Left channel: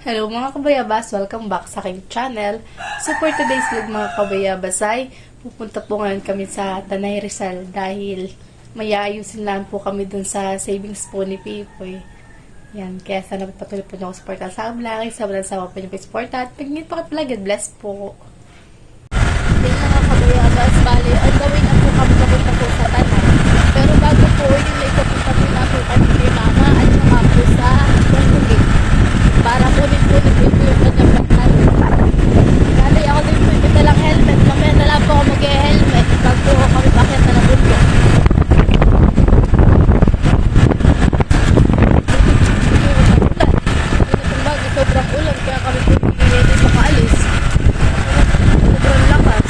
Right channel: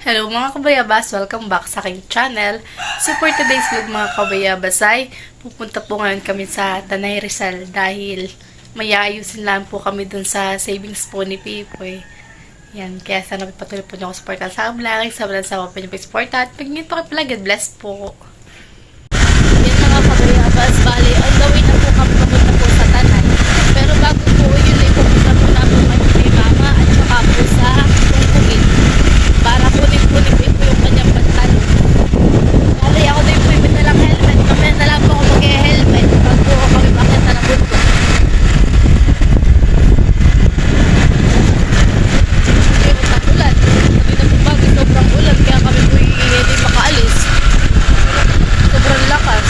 Hello mga kabayabas! Welcome back sa aking channel. So for today's vlog mga kabayabas ay pupunta po ngayon kami sa Tanay Rizal dahil may ayusin lang po kami dun sa savings po ni Pipoy. Yan, kaya sana patuloy po niyo ako supportan sa vlog. Sa walang sawa po niyo po supportan. Pag nyo po kayo God bless po. Yan mga kabayabas, bali, on the way na po kami papunta po sa Tanay. Pero bago po yun, ipupunta po na po kami kay Mama at saka po sa Tungkugin. Para kunin-kunin ko po yung kanyang pantalon. Bali, ako din po yung dalang helmet. Mamaya na lang po ako mag-helmet. Pag po kami pakita na bundok. Okay, matang ulan. Hindi na pong bagay, sobrang ulan. Kaya kami po hindi makaalis. Sobrang lakas.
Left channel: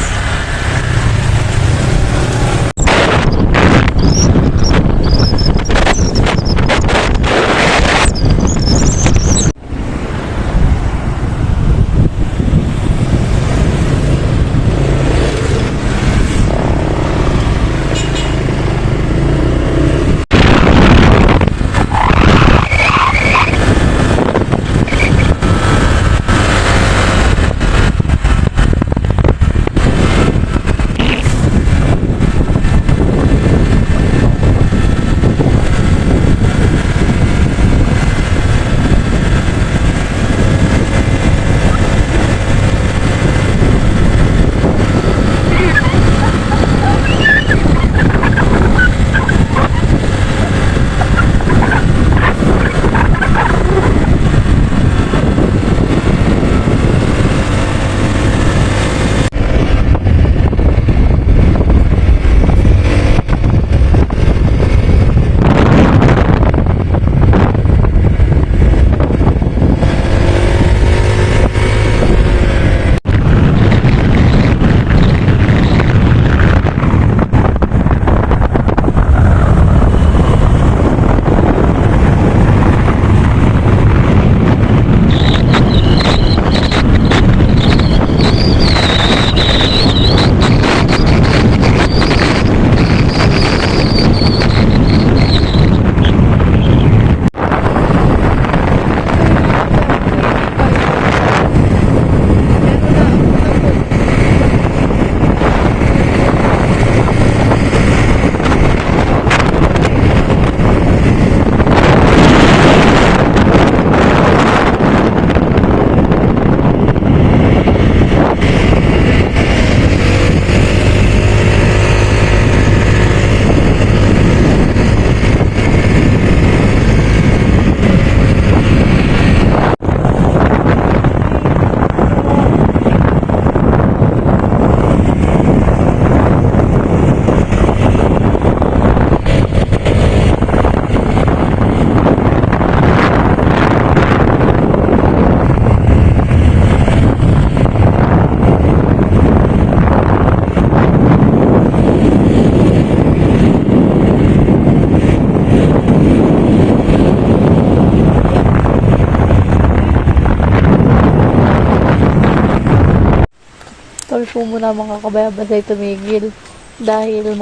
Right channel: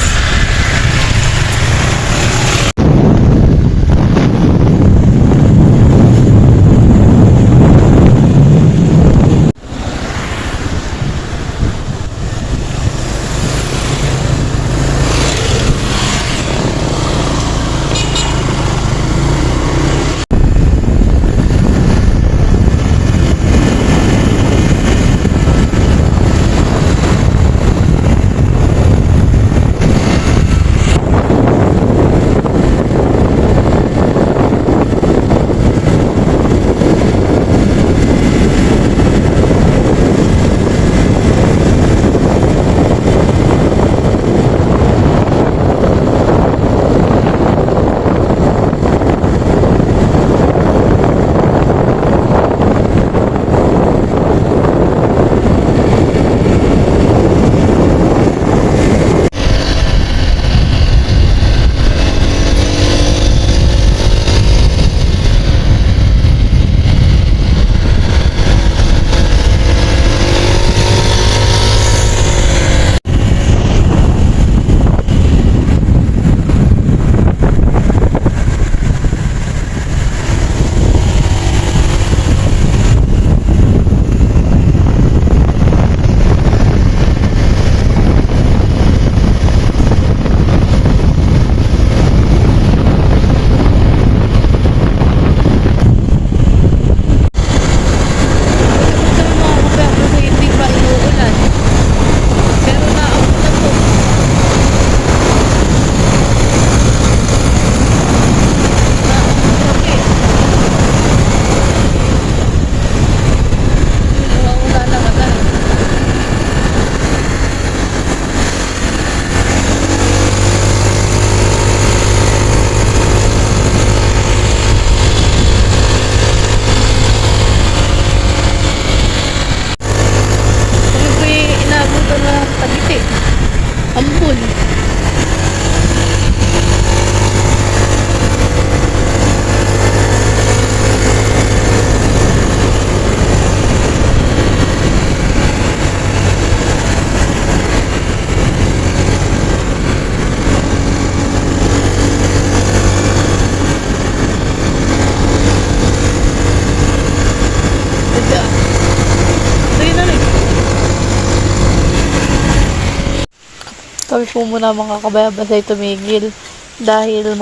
Kami po muna mga kabayabas ay tumigil dahil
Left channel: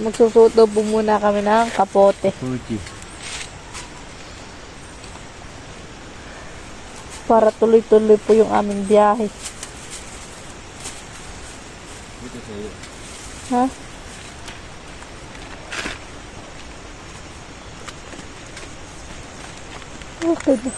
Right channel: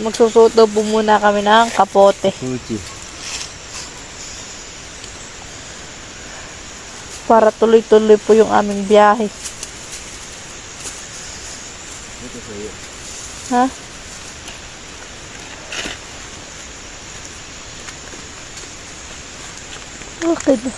magsusuot daw po muna kami ng kapote. Fuji. Para tuloy-tuloy po yung aming biyahe. Ito sa'yo. Ha? Okay na.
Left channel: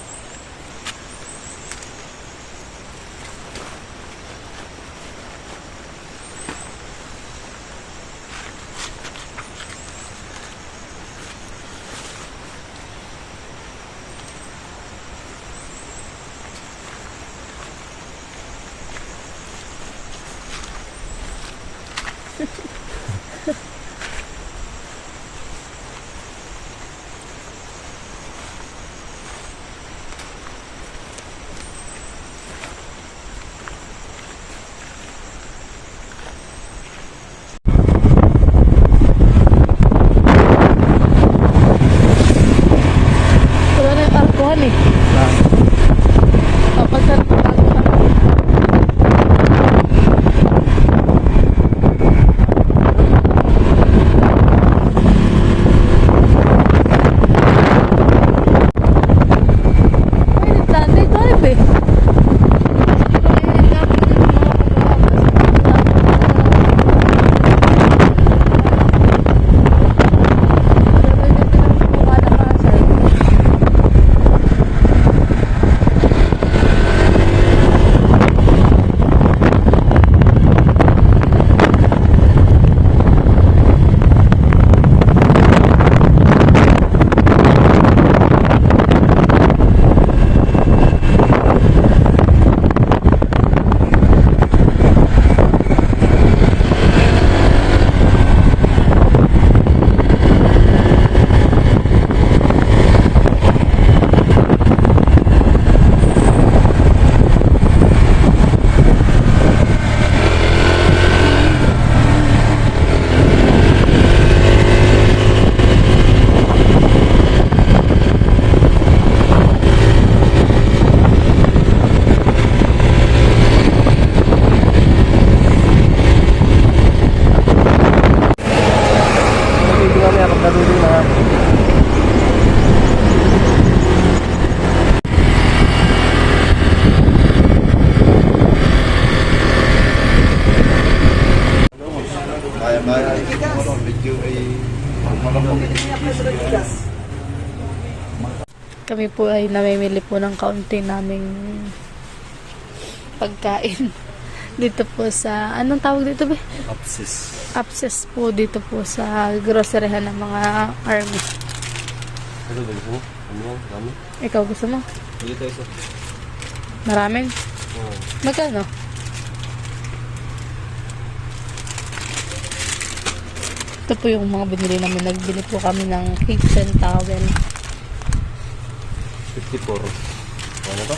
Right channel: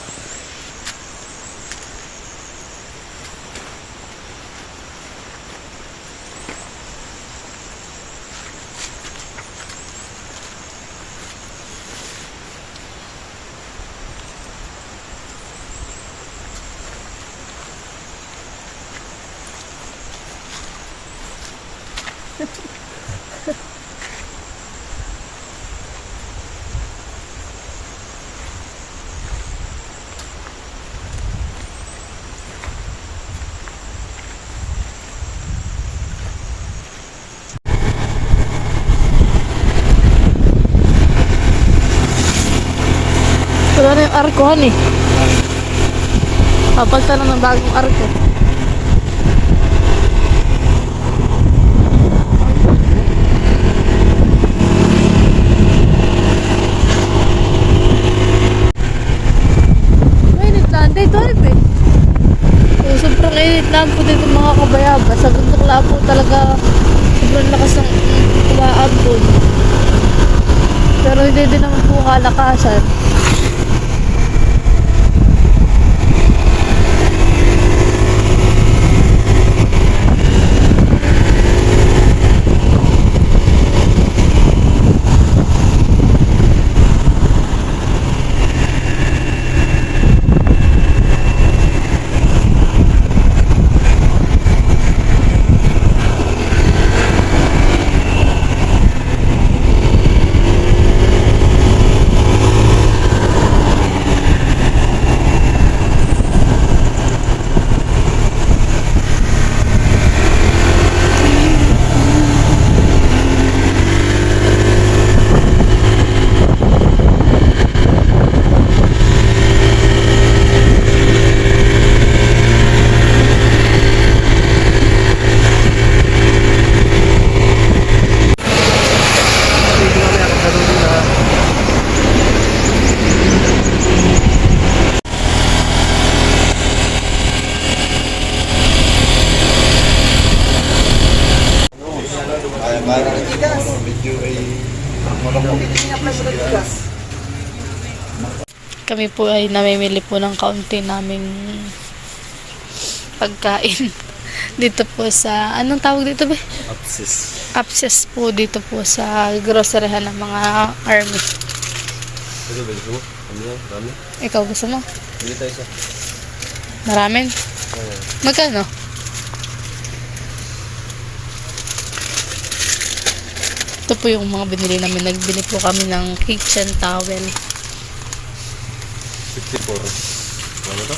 Wala na yung arkohan eh. Papagta na ng bagong arko. Ay, nagkaan dito. basta tukla po talaga malakas ang umaabot. Pero hindi din naman po kalakasan. Kami po ay namimili po ng kaunti naming pagkain. Dito po sa, anong tawag dito ba? Apsis po dito po sa groceryhan ng mga army. Ano ba gusto mo? Ano yan? Dami? Ikaw gusto mo? Hindi tayo isa. Maraming? Oo. Magkano? Ito po yung mga binili namin. Nagbili po kami ng kitchen towel. 54. Ano to?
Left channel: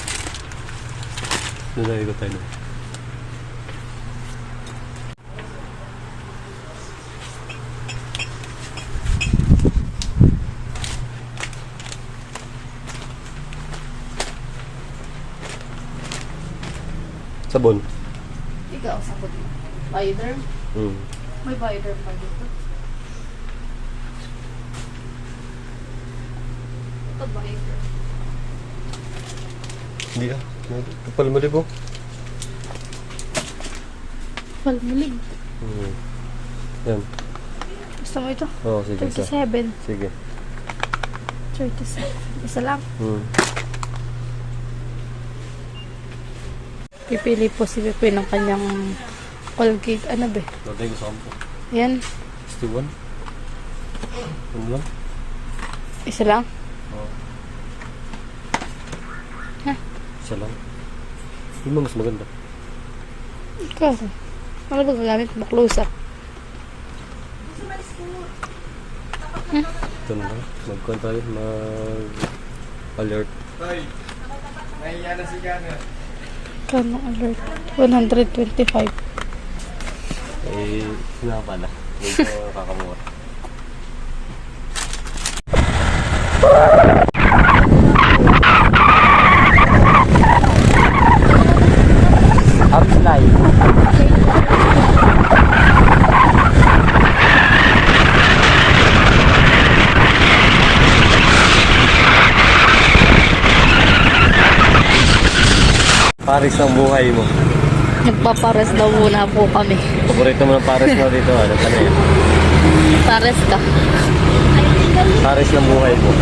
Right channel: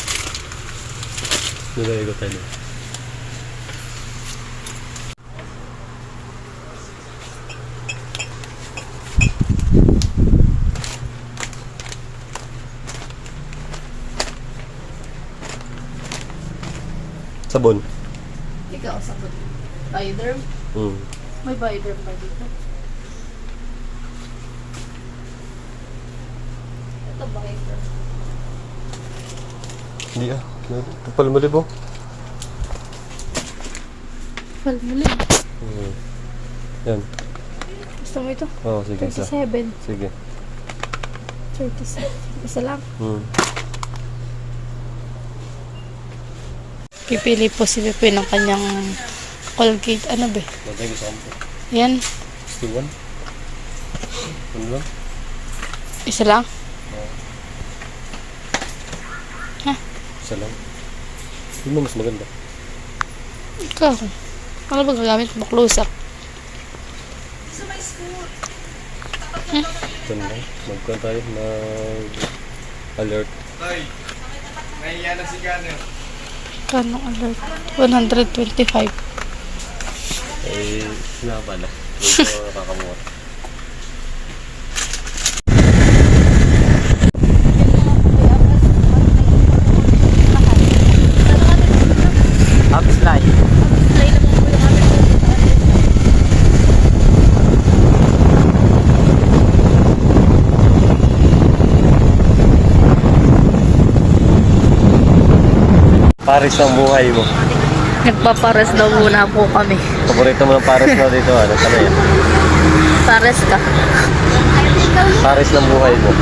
Nilagay ko tayo. Sabon. Ikaw, sabot. Bioderm? May bioderm pa dito. Ito bioderm. Hindi ah. Kapal mo libo. Palmulig. Yan. Gusto mo ito? Oo, sige. Isa. 37. Sige. 37. Isa lang. Pipili po si Pepe ng kanyang Colgate. Ano ba? Dati gusto ko po. Yan. 61. Ano lang? Isa lang. Oo. Ha? Isa lang. Yun ba mas maganda? Ikaw. Ano ba gagamit mo? Close up. Ito na lang. Mag-con tayo. Mag-alert. Kanong alert? 125. Eh, sila pala. Medyo nakakamura. Upslide. Paris ang buhay mo. Nagpapares daw muna po kami. Paborito mo ng Paris mo dito, ano? Ano yan? Pares ka. Paris ng buhay mo.